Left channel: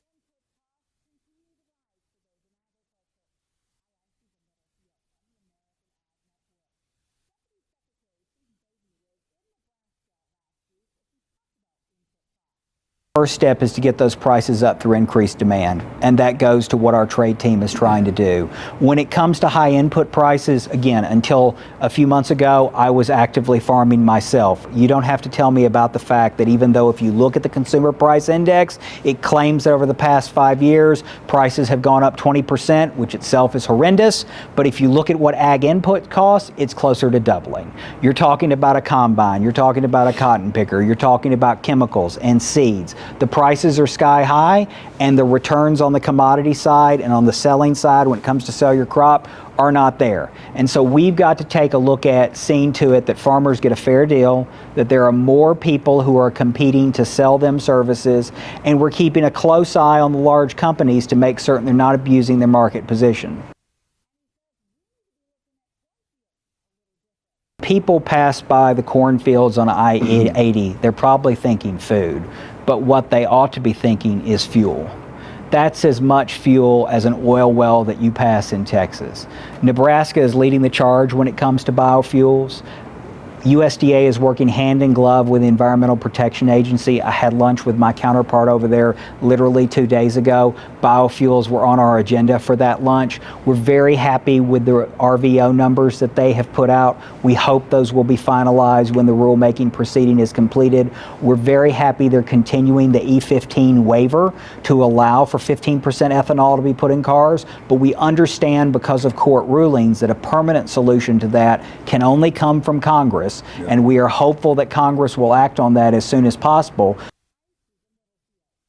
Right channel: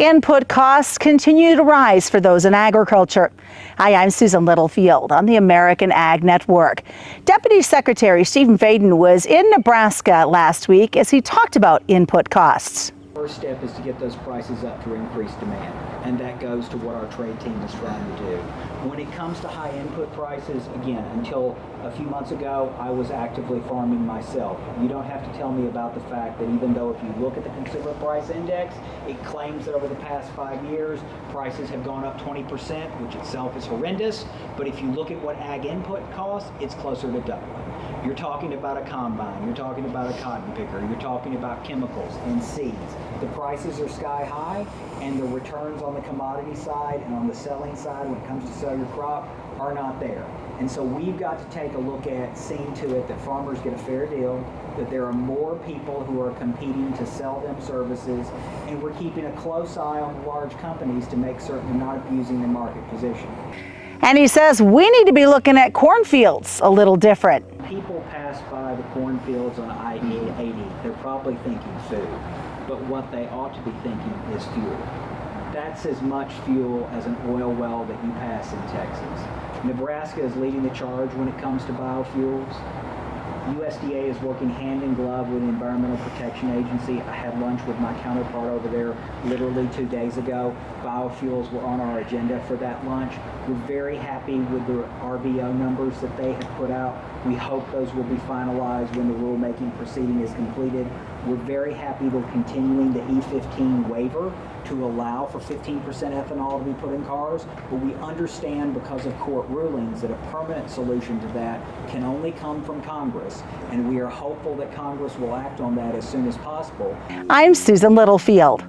Input costs continue to rise for those in agriculture. Hi, I'm Susan Littlefield on the American Ag Network. Deputy Secretary Stephen Fadden was in Nebraska last week as he talked about input costs. First step is to get those prices up through increased demand, and that goes to what our trade team is trying to do. When it comes to high input prices, again, until a few months ago, I was actively farming myself. You don't have to tell me about the fact that even though if you look at the Consumer Price Index, it claims that over the past 5 years, prices have gone up 20%, which itself is horrendous. But if you look at what ag input costs, it's closer to doubling. You're talking about a combine, you're talking about a cotton picker, you're talking about chemicals and seeds. The prices are sky high, and the returns on the commodity side and on the selling side when it comes to sell your crop are not there. And so we've got to take a look at seeing to it that farmers get a fair deal, that there are more people who are competing to sell them services, and we're keeping a close eye on the large companies to make certain they're not abusing their market position. And he says we need to be looking at cornfields a little different. People pass by the cornfields on I-80, they're probably thinking food, but what they ought to be thinking is fuel. That's as much fuel as an oil well that you pass in Texas. Nebraska is leading the charge when it comes to biofuels. USDA is working hand in glove with the Environmental Protection Agency. I had lunch with my counterpart over there literally 2 days ago. Biofuels were on our agenda for that lunch. We're very happy with the RVO numbers that they have put out. We hope those will be finalized when the rulemaking proceeding is completed. We're very happy they're continuing the E15 waiver to allow for 15% ethanol to be put in cars, but we understand because of court rulings that a permanent solution to that can only come from Congress. And we are hopeful that Congress will act on that as soon as possible. I'm Susan Littlefield.